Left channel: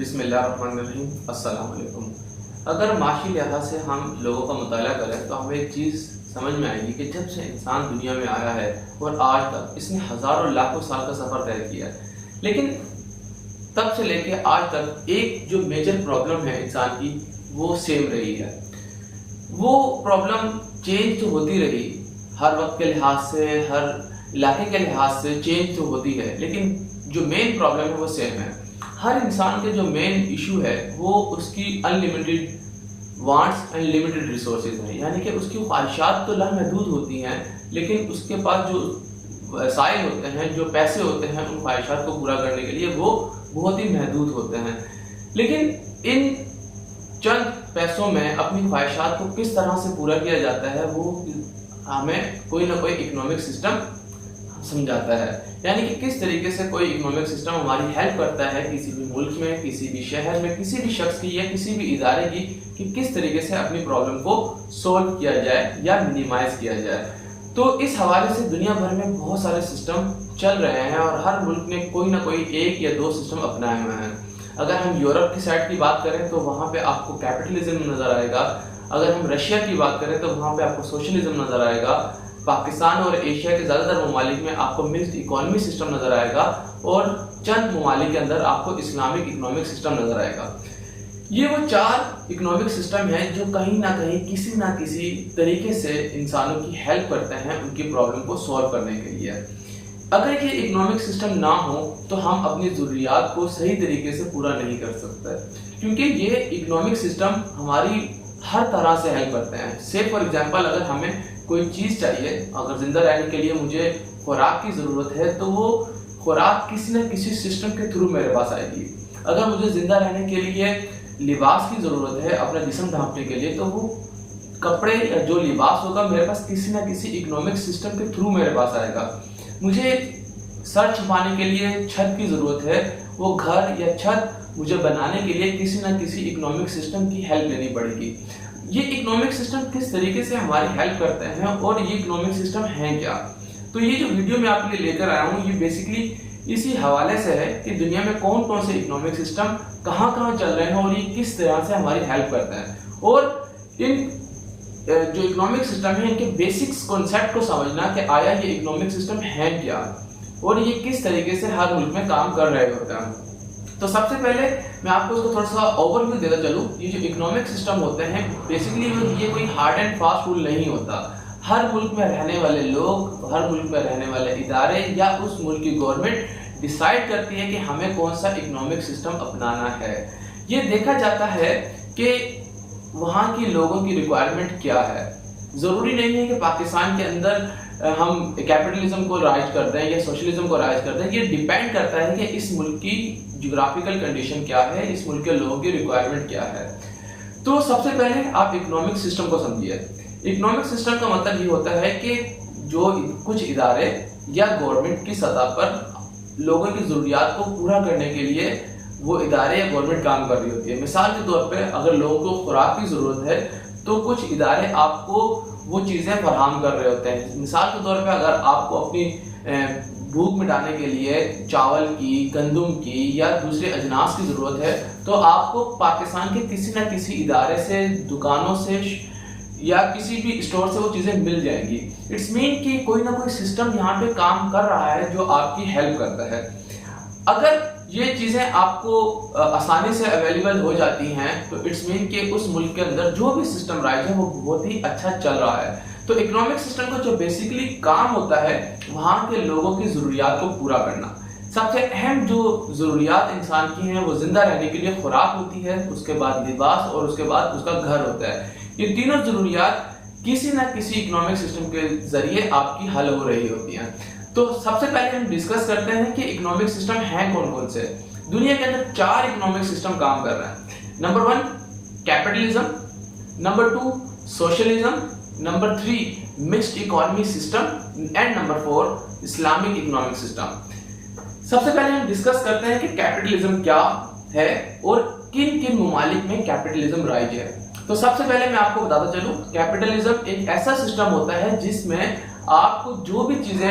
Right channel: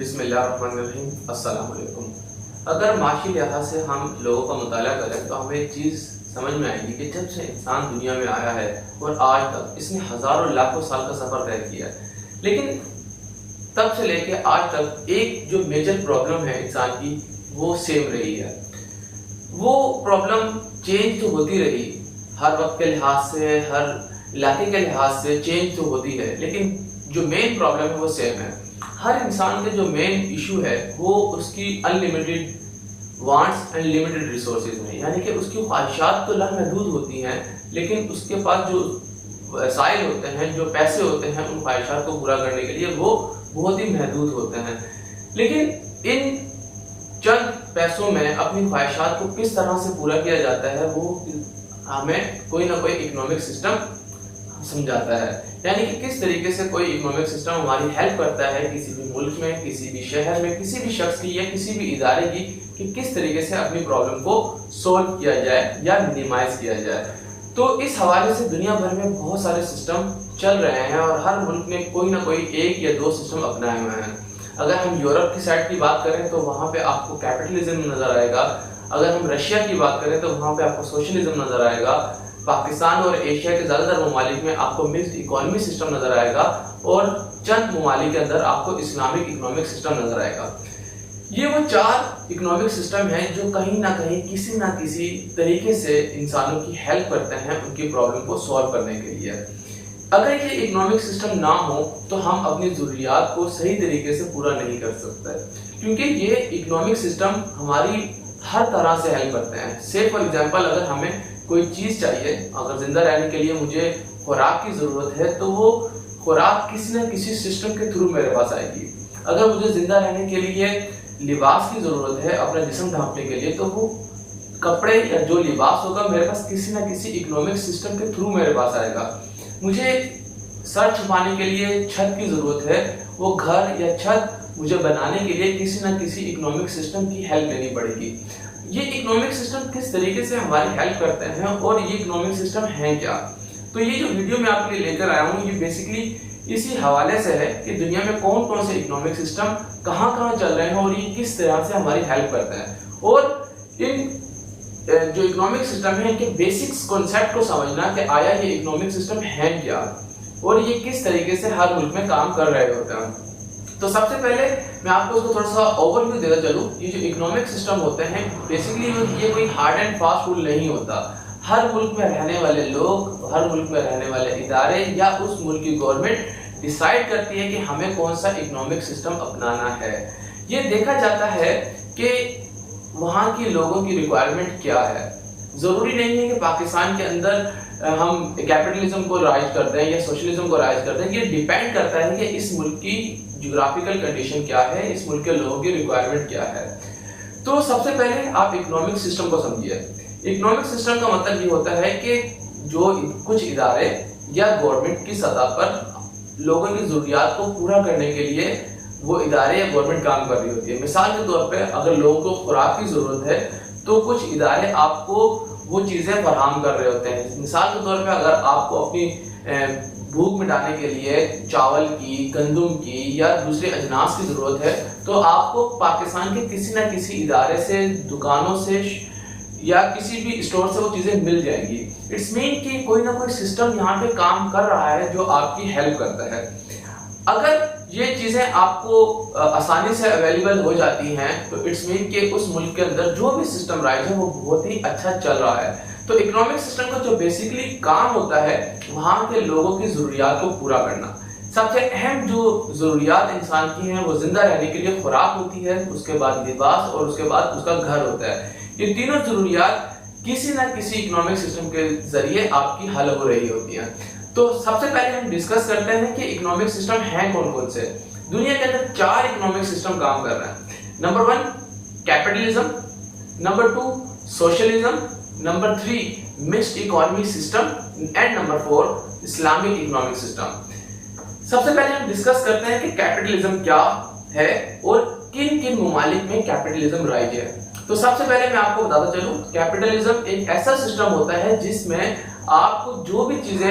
بسم اللہ الرحمن الرحیم۔ السلام علیکم۔ اگر معاشی لحاظ سے ہم لوگوں کا مطالعہ کریں تو ہمیں ایک چیز سمجھ میں آئے گی کہ جب سے انسان دنیا میں آیا ہے اور آج تک اس نے ہزاروں لاکھوں سال کا سفر طے کیا ہے، لیکن تب سے لے کے آج تک ایک جو میجر پرابلم ہے انسان کی وہ سیم رہی ہے۔ وہ پرابلم چینج تو ہوتی رہی، ہر وقت کے لحاظ سے، ہر علاقے کے لحاظ سے چینج تو ہوتی ہے، لیکن جو مین پرابلم ہے وہ سیم ہے۔ ہر انسان کے جو مین ایشو ہے وہ اس کی unlimited wants and limited resources ہیں، یعنی کہ اس کی خواہشات تو لامحدود ہوتی ہیں، لیکن اس کے پاس جو وسائل ہوتے ہیں، جو پیسے ہوتے ہیں ان خواہشات کو پورا کرنے کے لیے وہ بہت ہی محدود ہوتے ہیں۔ لیکن ان چند پیسوں میں اپنی خواہشات کو کس طرح سے پورا کیا جاتا ہے وہ ہمیں کوئی نہ کوئی اکنامک سسٹم سمجھاتا ہے، یعنی کہ کس طریقے سے کوئی اکنامک سسٹم ہماری ہیلپ کرتا ہے کسی بھی ملک میں، کسی بھی شہر میں، کسی بھی شخص کی یا کسی بھی ادارے کی، کہ کس طریقے سے اپنی پرابلم کو سولو کیا جائے یا منیمائز کیا جائے۔ تو اس حوالے سے دنیا بھر میں بہت سارے سسٹم چل رہے ہیں اور ہر ملک نے کوئی نہ کوئی ایک یا دو سسٹم اپنائے ہوئے ہیں۔ اگر ہم یورپ کی سائڈ کی بات کریں تو وہاں پہ آپ کو کیپٹلزم نظر آئے گا، اگر ہم رشیا کی بات کریں تو وہاں پہ آپ کو سوشلزم نظر آئے گا، پاکستان اور ایشیا کے زیادہ تر ممالک میں آپ کو مکسڈ اکانومی سسٹم نظر آئے گا، اور چند ممالک کے اندر آپ کو اسلامک اکنامک سسٹم نظر آئے گا۔ یہ وہ چار اکنامک سسٹم ہیں جو کہیں نہ کہیں کسی نہ کسی طریقے سے انسانوں کی ہیلپ کرتے ہیں ان کی پرابلم کو سولو کرنے کے لیے۔ اگر یہ اکنامک سسٹم نہ ہو تو ہم اپنی ضروریات کو صحیح طریقے سے پورا نہیں کر سکتے، کیونکہ یہ اکنامک سسٹم ہماری ہر طرح سے ہیلپ کرتے ہیں۔ سے فار ایگزامپل اگر ہمیں کوئی چیز چاہیے، اگر زندہ رہنے کے لیے مجھے خوراک کی ضرورت ہے تو وہ خوراک کسی نہ کسی سسٹم کے تھرو میرے پاس آئے گی۔ اگر مجھے زندہ رہنے کے لیے لباس کی ضرورت ہے اپنا جسم ڈھانپنے کے لیے، تو وہ کپڑے یا جو لباس ہوگا میرے پاس کسی نہ کسی اکنامک سسٹم کے تھرو میرے پاس آئے گا۔ مجھے سر چھپانے کے لیے چھت کی ضرورت ہے، وہ گھر یا چھت مجھے بنانے کے لیے کسی نہ کسی اکنامک سسٹم کی ہیلپ لینی پڑے گی۔ یہ اکنامک سسٹم کس طریقے سے ہماری ہیلپ کرتے ہیں اور یہ اکنامک سسٹم ہیں کیا؟ تو یہ جو ویڈیو میں آپ کے لیے لے کر آیا ہوں یہ بیسیکلی اسی حوالے سے ہے کہ دنیا میں کون کون سے اکنامک سسٹم کہاں کہاں چل رہے ہیں اور یہ کس طرح سے ہماری ہیلپ کرتے ہیں، اور ان جو اکنامک سسٹم ہے ان کے بیسکس کانسیپٹ کو سمجھنا کہ آیا یہ اکنامک سسٹم ہے کیا اور یہ کس طریقے سے ہر ملک میں کام کر رہے ہوتے ہیں۔ تو سب سے پہلے میں آپ کو اس کو تھوڑا سا اوور ویو دیتا چلوں۔ یہ جو اکنامک سسٹم ہوتے ہیں بیسیکلی یہ کوئی ہارڈ اینڈ فاسٹ رول نہیں ہوتا۔ ہر ملک میں رہنے والے لوگ، ہر ملک میں رہنے والے ادارے یا اس ملک کی گورنمنٹ ڈیسائیڈ کرتی ہے کہ ہمیں کون سا اکنامک سسٹم اپنانا ہے۔ یہ دیکھا جاتا ہے کہ وہاں کی لوگوں کی ریکوائرمنٹ کیا ہے۔ ضروری نہیں ہے کہ پاکستان کے اندر ہم کیپٹلزم کو رائج کرتے ہیں یا سوشلزم کو رائج کرتے ہیں، یہ ڈیپینڈ کرتا ہے کہ اس ملک کی جغرافیکل کنڈیشن کیا ہے، اس ملک کے لوگوں کی ریکوائرمنٹ کیا ہے۔ تو سب سے پہلے آپ اکنامک سسٹم کو سمجھیے۔ اکنامک سسٹم کا مطلب یہ ہوتا ہے کہ جو کچھ ادارے یا گورنمنٹ کی سطح پر لوگوں کی ضروریات کو پورا کرنے کے لیے وہ ادارے یا گورنمنٹ کام کر رہی ہوتی ہے۔ مثال کے طور پہ اگر لوگوں کو خوراک کی ضرورت ہے تو کچھ ادارے آپ کو وہ چیزیں فراہم کر رہے ہوتے ہیں۔ مثال کے طور پہ اگر آپ کو اپنی بھوک مٹانے کے لیے چاول کی، گندم کی یا دوسرے اجناس کی ضرورت ہے تو آپ کو پاکستان کے کسی نہ کسی ادارے سے، دکانوں سے یا کسی بھی اسٹور سے وہ چیزیں مل جائیں گی۔ اٹس مین کہ کوئی نہ کوئی سسٹم یہاں پہ کام کر رہا ہے جو آپ کی ہیلپ کرتا ہے۔ اگر یہ چیزیں آپ کو آسانی سے اویلیبل ہو جاتی ہیں تو اٹس مین کہ اس ملک کے اندر جو بھی سسٹم رائج ہے وہ بہت ہی اچھا چل رہا ہے۔ تو اکنامک سسٹم کا جو بیسیکلی کام ہوتا ہے وہاں کے لوگوں کی ضروریات کو پورا کرنا۔ سب سے اہم جو ضروریات انسان کی ہیں وہ زندہ رہنے کے لیے خوراک ہوتی ہے، اس کے بعد لباس اور اس کے بعد اس کا گھر ہوتا ہے۔ یہ تینوں ضروریات کسی نہ کسی اکنامک سسٹم کے ذریعے آپ کی حل ہو رہی ہوتی ہیں۔ تو سب سے پہلے ہم ڈسکس کرتے ہیں کہ اکنامک سسٹم ہیں کون کون سے۔ دنیا کے اندر 4 اکنامک سسٹم کام کر رہے ہیں۔ Number 1 capitalism, number 2 socialism, number 3 mixed economy system and number 4 Islamic economic system. سب سے پہلے ہم ڈسکس کرتے ہیں کہ کیپٹلزم کیا ہے اور کن کن ممالک میں کیپٹلزم رائج ہے۔ تو سب سے پہلے میں آپ کو بتاتا چلوں، کیپٹلزم ایک ایسا سسٹم ہوتا ہے جس میں آپ کو جو بھی چیزیں